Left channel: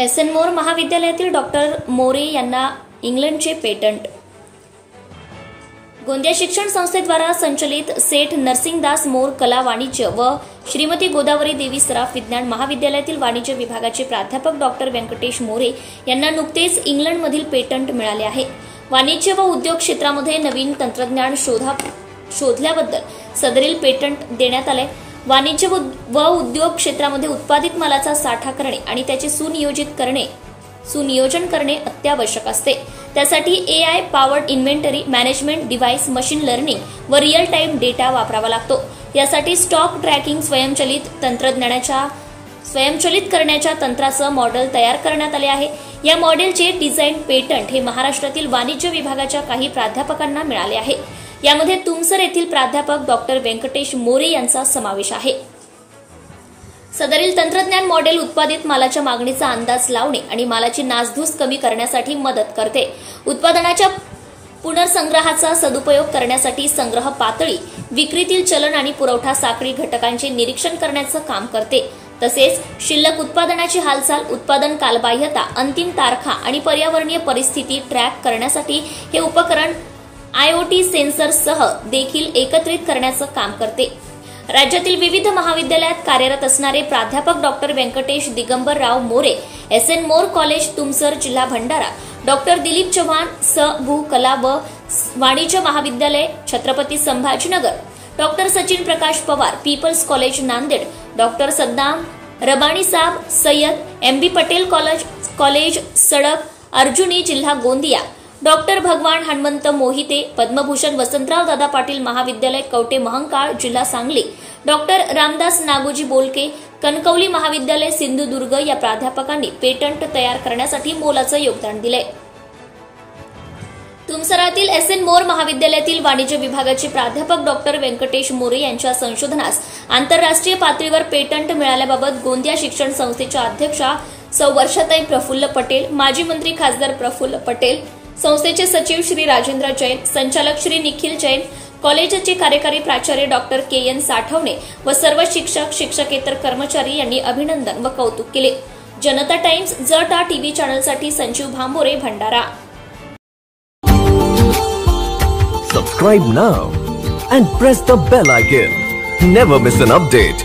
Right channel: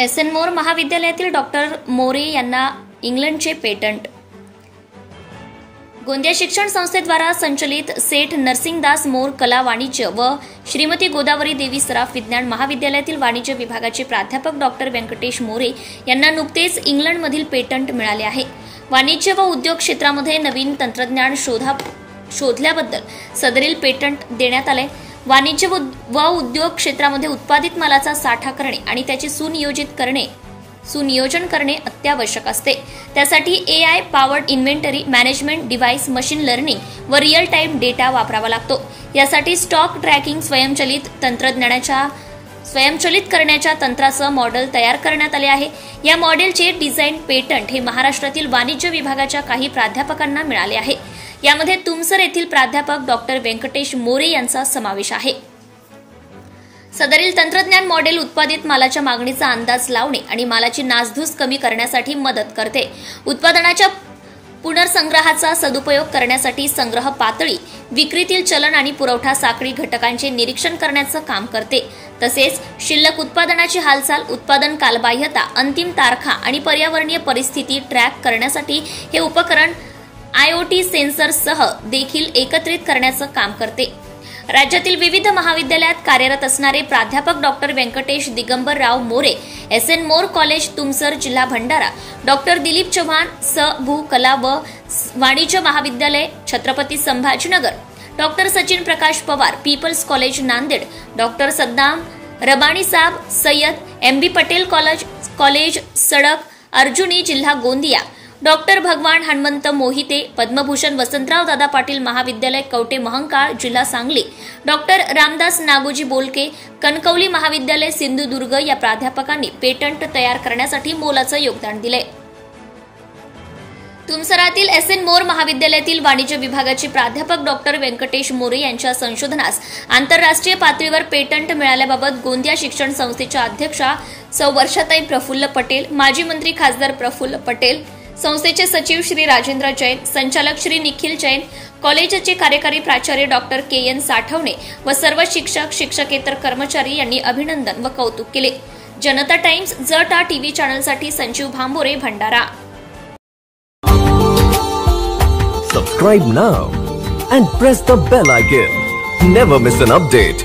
SN. मोर महाविद्यालयातील doctor More यांना इंग्लंडचे patent. Gondia शिक्षण संस्थेद्वारा संचलित सेठ नरसिंगदास मोर कला वाणिज्य व श्रीमती गोदावरी देवी सराफ विज्ञान महाविद्यालयातील वाणिज्य विभागाचे प्राध्यापक डॉक्टर व्यंकटेश मोरे यांना नुकतेच इंग्लंडमधील पेटंट मिळाले आहे. वाणिज्य व उद्योग क्षेत्रामध्ये नवीन तंत्रज्ञान शोधल्याबद्दल सदरील पेटंट देण्यात आले. वाणिज्य व उद्योग क्षेत्रामध्ये उत्पादित मालाचा साठा करणे आणि त्याचे सुनियोजन करणे अत्यावश्यक असते. त्यासाठी AI powered inventory management device, machine learning व रिअल टाइम डेटा वापरावा लागतो. यासाठी स्टॉक ट्रॅकिंग स्वयंचलित करण्याच्या तंत्राचं मॉडेल तयार करण्यात आले आहे. या मॉडेलचे डिझाईन पेटंट हे महाराष्ट्रातील वाणिज्य विभागाच्या काही प्राध्यापकांना मिळाले आहे. यामध्ये तुमसर येथील प्राध्यापक डॉक्टर व्यंकटेश मोरे यांचा समावेश आहे. सदरील तंत्रज्ञान मॉडेल उत्पादित मालाच्या मागणीचा अंदाज लावणे आणि मालाची नासधूस कमी करण्यासाठी मदत करते. उत्पादनाच्या पुनर्संग्रहाचा सदुपयोग करण्यासाठी संग्रह पातळी, विक्रीतील चलन आणि पुरवठा साखळी घटकांचे निरीक्षण करण्याचं काम करते. तसेच शिल्लक उत्पादनाची हालचाल, उत्पादन कालबाह्यता, अंतिम तारखा आणि पर्यावरणीय परिस्थिती ट्रॅक करण्यासाठी हे उपकरण आयओटी सेन्सरसह देखील एकत्रित करण्याचं काम करते. राज्यातील विविध महाविद्यालयात कार्यरत असणारे प्राध्यापक डॉक्टर व्यंकटेश दिगंबरराव मोरे, एस.एन. मोर कॉलेज तुमसर, जिल्हा भंडारा, डॉक्टर दिलीप चव्हाण भू कला व वाणिज्य महाविद्यालय Chhatrapati Sambhajinagar, doctor Sachin Prakash Pawar people's college Nanded, doctor Saddam Rabbani Saab Sayyed M B. Patel college Sadak Arjuni, जिल्हा गोंदिया, डॉक्टर भगवान हनुमंत मोहिते पद्मभूषण वसंतराव दादा पाटील महाविद्यालय कवटे महंकाळ, जिल्हा सांगली, डॉक्टर रामदास नागोजी बोलके कणकवली महाविद्यालय सिंधुदुर्ग या प्राध्यापकांनी पेटंट तयार करण्यासाठी मोलाचं योगदान दिले. तुमसरातील एस.एन. मोर महाविद्यालयातील वाणिज्य विभागाचे प्राध्यापक डॉक्टर व्यंकटेश मोरे यांच्या संशोधनास आंतरराष्ट्रीय पातळीवर पेटंट मिळाल्याबाबत गोंदिया शिक्षण संस्थेच्या अध्यक्षा सौ वर्षाताई प्रफुल्ल पटेल, माजी मंत्री खासदार प्रफुल्ल पटेल, संस्थेचे सचिव श्री राजेंद्र जैन, संचालक श्री निखिल जैन, कॉलेजचे कार्यकारी प्राचार्य डॉक्टर के.एन. साठवणे व सर्व शिक्षक, शिक्षकेतर कर्मचारी यांनी अभिनंदन व कौतुक केले. जनता टाइम्स जटा टीव्ही चॅनलसाठी Sanjeev Bhambore, Bhandara. Subscribe now and press the bell icon. Never miss an update.